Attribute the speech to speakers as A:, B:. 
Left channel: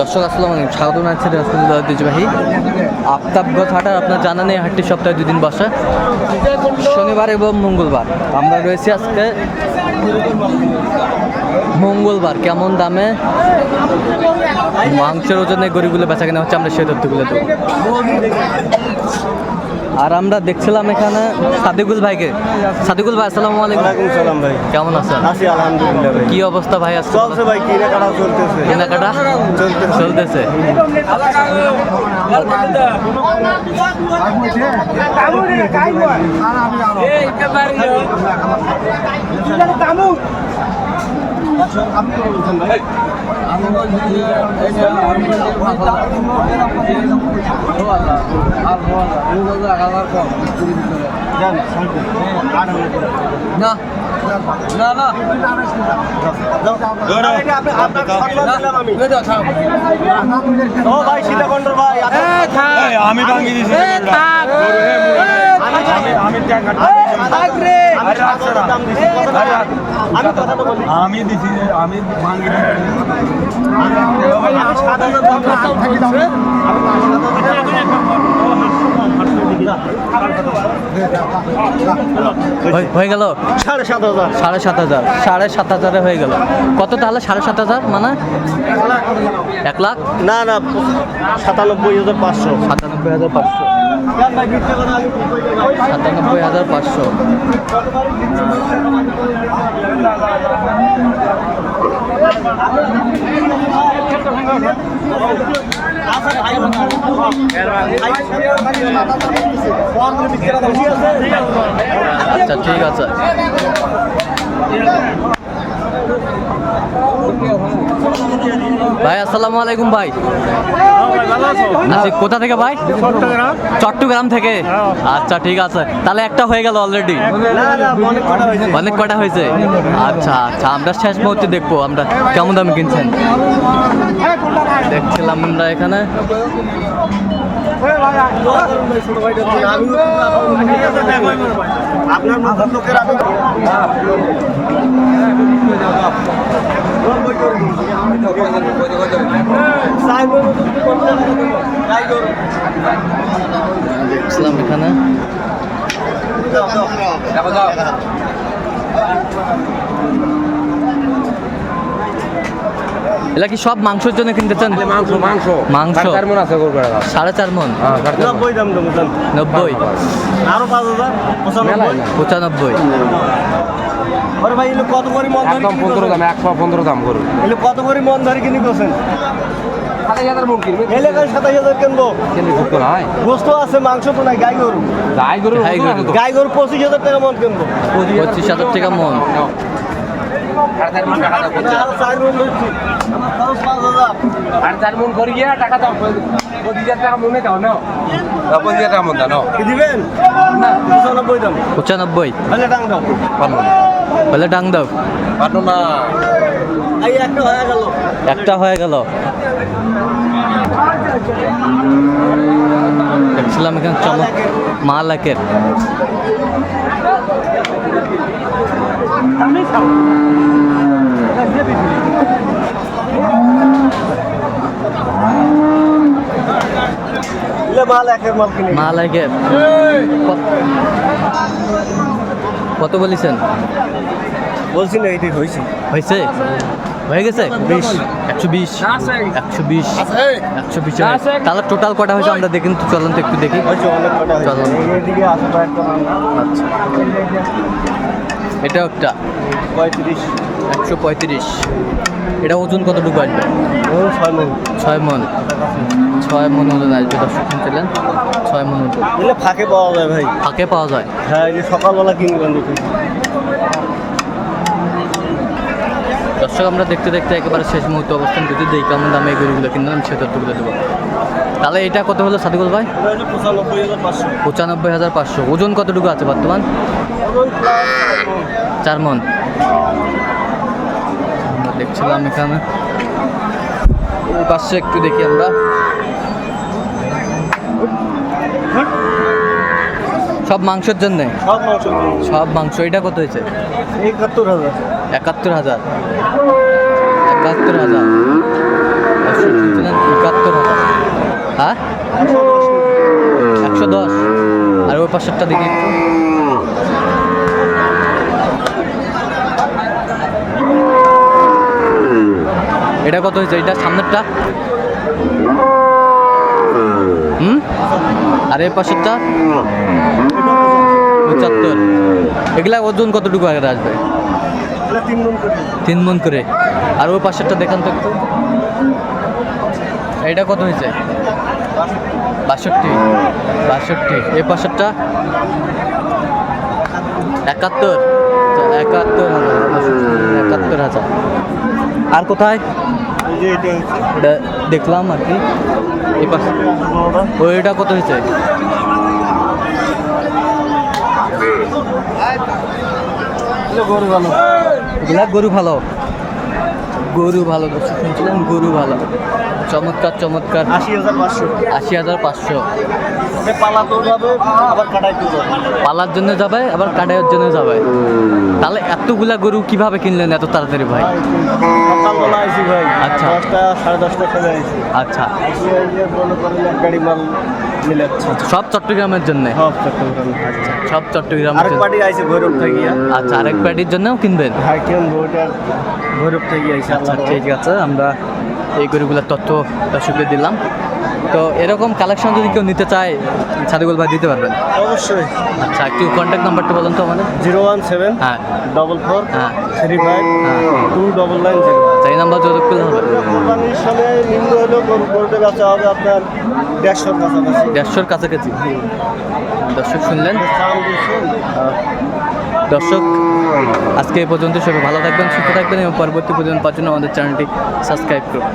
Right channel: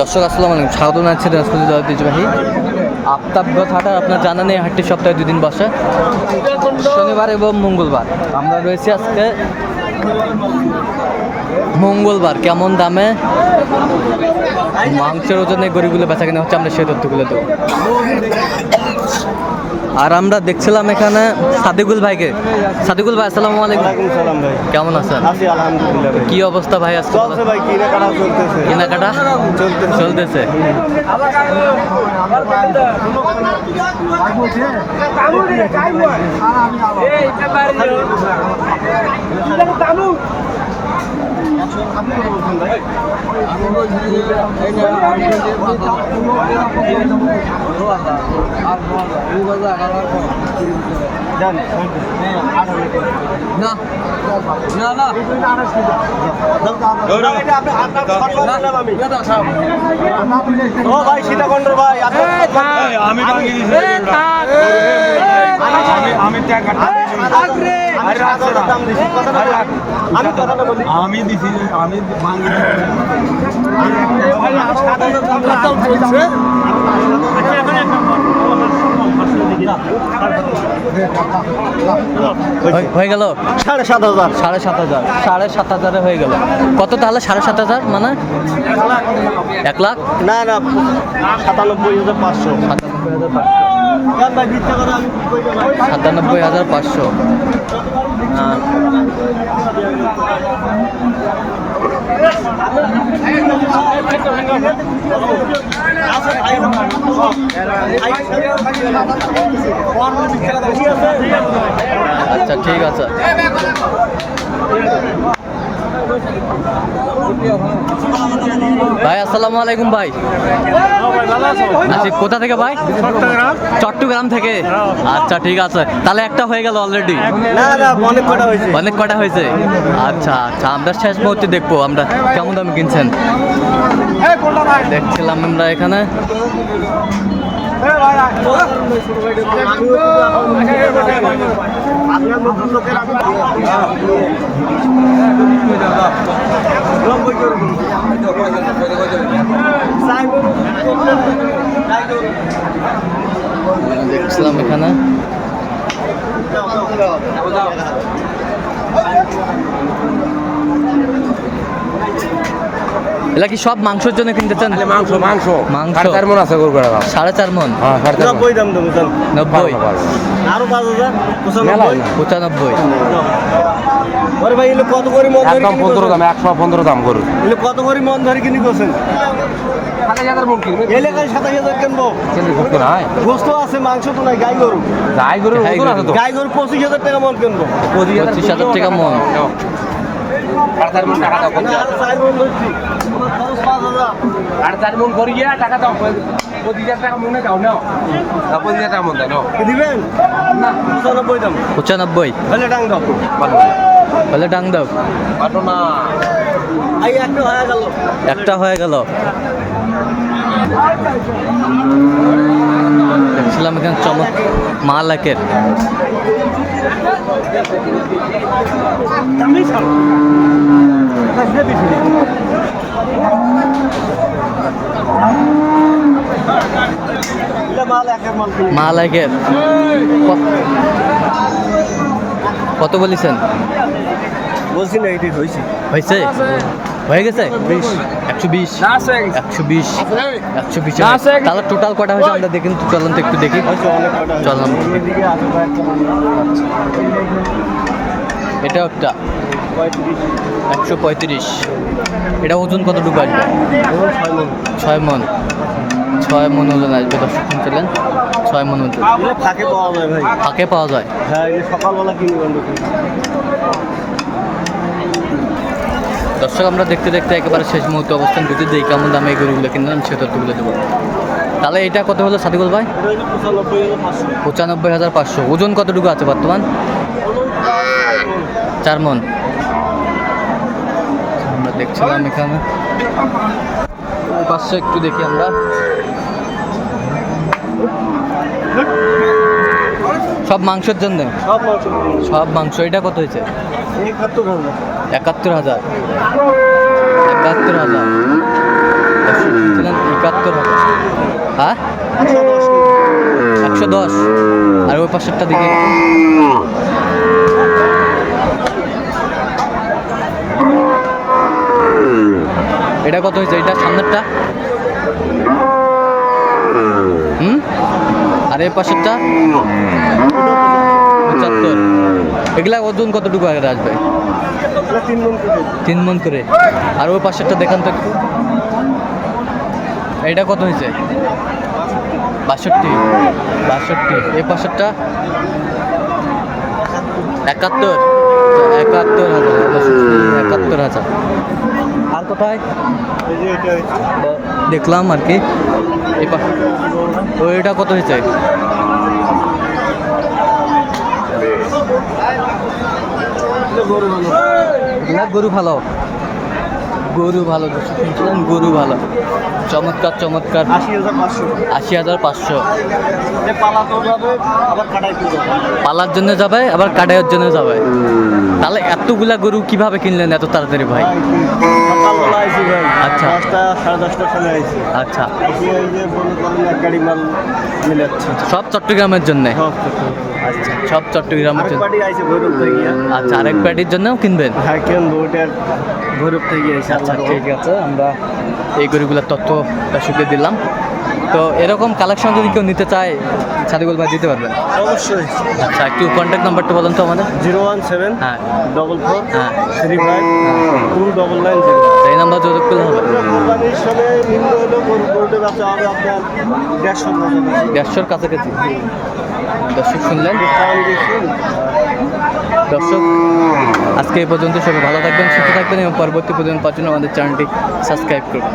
A: দর্শক, আসসালাম আলাইকুম। স্বাগত জানাচ্ছি রাসপুর ঐতিহ্যবাহী আফতাবগঞ্জ হাটার আপনার জানা নেই হাটটি সপ্তাহে দুদিন বসে। শনিবার এবং মঙ্গলবার। আমরা রয়েছি আজকে মঙ্গলবার। কেমন দামে মাংসের ওজনে গরিবগুলো বেচা কেনা হচ্ছে, আমরা সেই তথ্যগুলো দেবো। আর আমরা দেখছিলাম এখানে সাদিকুল ভাইকে। সাদিকুল ভাই আসসালামু আলাইকুম।
B: ওয়ালাইকুম সালাম ভাই।
A: কেমন আছেন?
B: আছি আলহামদুলিল্লাহ ভাই।
A: কি অবস্থা ভাই আজকে?
B: চলছে ভাই কিনে কাটা চলতেছে।
A: কেনাকাটা?
B: চলতেছে।
A: চলতেছে।
B: আপনি কথা
A: না না না
B: ওটা এটা আপনি- আপনার সম্মান দিলাম আমি। ও ভাই
C: আমি
B: আমি আমি আমি সাত হাজার দাম। দিছি আমি
A: হয়ে- হয়ে গেল?
B: সাড়ে সাত হাজার।
A: সাড়ে সাত হাজার। সাড়ে সাত হাজারে হয়ে গেল। কত তাহলে সাড়ে সাত হাজার? মানে? এক লাখ?
B: না না সাতানব্বই হাজার পাঁচশো।
A: সাতানব্বই হাজার পাঁচশো। সাতানব্বই হাজার পাঁচশো। আচ্ছা ঠিক আছে। ভাই আসসালামু আলাইকুম ভাই। আচ্ছা কোথা থেকে ভাই? চট্টগ্রাম। থেকে? আচ্ছা ঠিক আছে। তাহলে একটা হয়ে গেল অলরেডি অনেক কটা হয়েছে। আচ্ছা আচ্ছা আমরা শেষ মুহূর্তে দেখব আমরা কেমন দামে কিনছেন? দেখছিলাম আমরা এখানে।
B: আপনার নতুন লোকের আমি
A: দেখছিলাম এখানে। এলা কি সব মাংসের জন্য কিনতেছেন
C: মাংস মাংস।
A: মাংস।
C: চার মন আছে গরু বেড়া
A: সাড়ে চার মন?
C: হ্যাঁ সাড়ে চার মণ।
B: নব্বই দাম দেবো
A: নব্বই?
B: আরও পাঁচ হাজার পঁচানব্বই।
A: পঁচানব্বই।
B: ওরে ভাই এগুলো কত করে মন ধরে
C: একদম পনেরো? দাম একশো পনেরো দাম গরু
B: এগুলো কত করে মন ধরে কিনি করছেন? এলাকায় সাতাশ হাজার কিনবো। গোস্ত আছে মাংস তো নাই গাই গরু।
C: গাই গরু
A: গাই গরু।
C: তো।
B: গাই গরু পঁচিশ হাজার টাকা মন কিনবো।
A: পঁচিশ হাজার টাকা মন
C: আরও চার
B: মন
C: টাকা দাও পঁচিশ হাজার। টাকা মনে দাও নাও দাও, পঁচিশ হাজার টাকা মন দাও
B: কি দিবেন? পঁচানব্বই দাম।
A: পঁচানব্বই।
B: তাহলে ডাং দাও।
A: বলে ডাং দাও।
B: একটা হয়ে গেল।
A: একটা হয়ে গেল। দেখছিলাম এখানে চমক মাল একের
B: এগুলো মাল একের মাল কিনি।
A: মাল একের ক- কত বলেছেন?
B: বলছি না এটি হয়েছে।
A: হয়েছে? হয়ে গেছে? বিশ। একশো বিশ। একশো বিশ। একশো বিশ তাহলে টোটাল কটা হয়েছে? আমরা দেখি চলুন তো একটু দেখি। চললাম। আচ্ছা। এটাও একটা।
B: পঁয়ত্রিশ।
A: একশো পঁয়ত্রিশ। এটা ওজন কতটুকু আসবে?
B: ছয়
A: মন। ছয় মন। ওজন আসবে দর্শক শুনছিলেন? ছয় মন ওজন।
B: ফাঁকে পাওয়া যায় ভাই।
A: ফাঁকে পাওয়া যায়।
B: হ্যাঁ এই সকালবেলা কিনবেন
A: দর্শক আমরা দেখতে দেখতে একেবারে শেষ মুহূর্তে অবস্থান করছি। যে এই কেমন দামে এই গরুগুলো কিনলাম সে তথ্যগুলো দেবো। তাহলে এটা কত হলো সাদিকুল ভাই?
B: পঁচানব্বই হাজার পাঁচশো।
A: ওজন কতটুকু আছে বর্তমান?
B: চার
A: মন। আমরা দেখছিলাম এখানে। পাঁচশো একটু দেখি আমরা। সব মাংসের জন্য?
B: সব মাংস
A: সব মাংস। এটা কত হয়েছে?
B: একাত্তর হাজার।
A: একাত্তর হাজার। একাত্তর হাজার। পঁচাত্তর হাজার। হ্যাঁ? একশো দশ। আর ওই পাশেরটা দিকে এটা কত হয়েছে? এটা সামনেরটা? হুম? আর এই পাশেরটা? পঁচাত্তর। এগুলা ওজন কতটুকু আগে আসবে?
B: তিন মন করে।
A: আর ওই পাশেরটা দেখান তো একটু। এটা কত হয়েছে? বাষট্টি। বাষট্টি। এই পাশেরটা? একাত্তর। একাত্তর হাজার একাত্তর হাজার। আর কোথায়? দেখলাম আর কি। এই পাশে ওইটা কত হয়েছে? এগুলা গরু ভালো। গরু ভালো দর্শক শুনছিলেন? গরু ভালো। চমৎকার চমৎকার।
B: আশি হাজার পাঁচশো।
A: আশি হাজার পাঁচশো।
B: যে পালাতেও যাবে আবার কাটাইতেও যাবে।
A: পালার জন্য যাবে আবার কাটাইয়ের জন্য যাবে। তাহলে এতগুলা গরু কীভাবে কিনলেন এত তাড়াতাড়ি ভাই?
B: সকালবেলা আইসি ভাই।
A: আচ্ছা।
B: দশটা সাড়ে দশটার সময় আইসি
A: আচ্ছা।
B: আইসি এই যে মনে করেন এক গাড়ি মাল
A: সব চট্টগ্রামের জন্য?
B: সব
A: আচ্ছা সব চট্টগ্রামের জন্য।
B: ভৈরব থেকে।
A: আচ্ছা আরেক প্যাটির জন্যও কিনবেন?
B: হ্যাঁ কেন বউটার ভৈরব থেকে
A: আচ্ছা ঠিক আছে আমরা এই গরুগুলোর তথ্য দর্শকদের দিলাম। তো এরকম কালেকশন যদি কেউ নিতে চায় সাদিকুল ভাই দিতে পারবেন।
B: অবশ্যই।
A: আচ্ছা একটু কন্ট্যাক্ট নাম্বারটা বলেন তো আমাদের।
B: জিরো ওয়ান সেভেন
A: হ্যাঁ।
B: ডবল ফোর
A: হ্যাঁ।
B: থ্রি ফাইভ
A: হ্যাঁ।
B: Two double nine zero.
A: এই নাম্বার যোগাযোগ করলে হবে।
B: কোরবানির সময় নিম্ন হলেও গরুটা বেচা হবে আপনার দেড়শোর কাছাকাছি।
A: দেড়শোর কাছাকাছি। দর্শক শুনলেন? দর্শক আজকে এই পর্যন্ত সবাই ভালো থাকবেন সুস্থ থাকবেন এবং পরবর্তী পর্যন্ত পাওয়ার জন্য আমাদের চ্যানেলটি সাবস্ক্রাইব করবেন।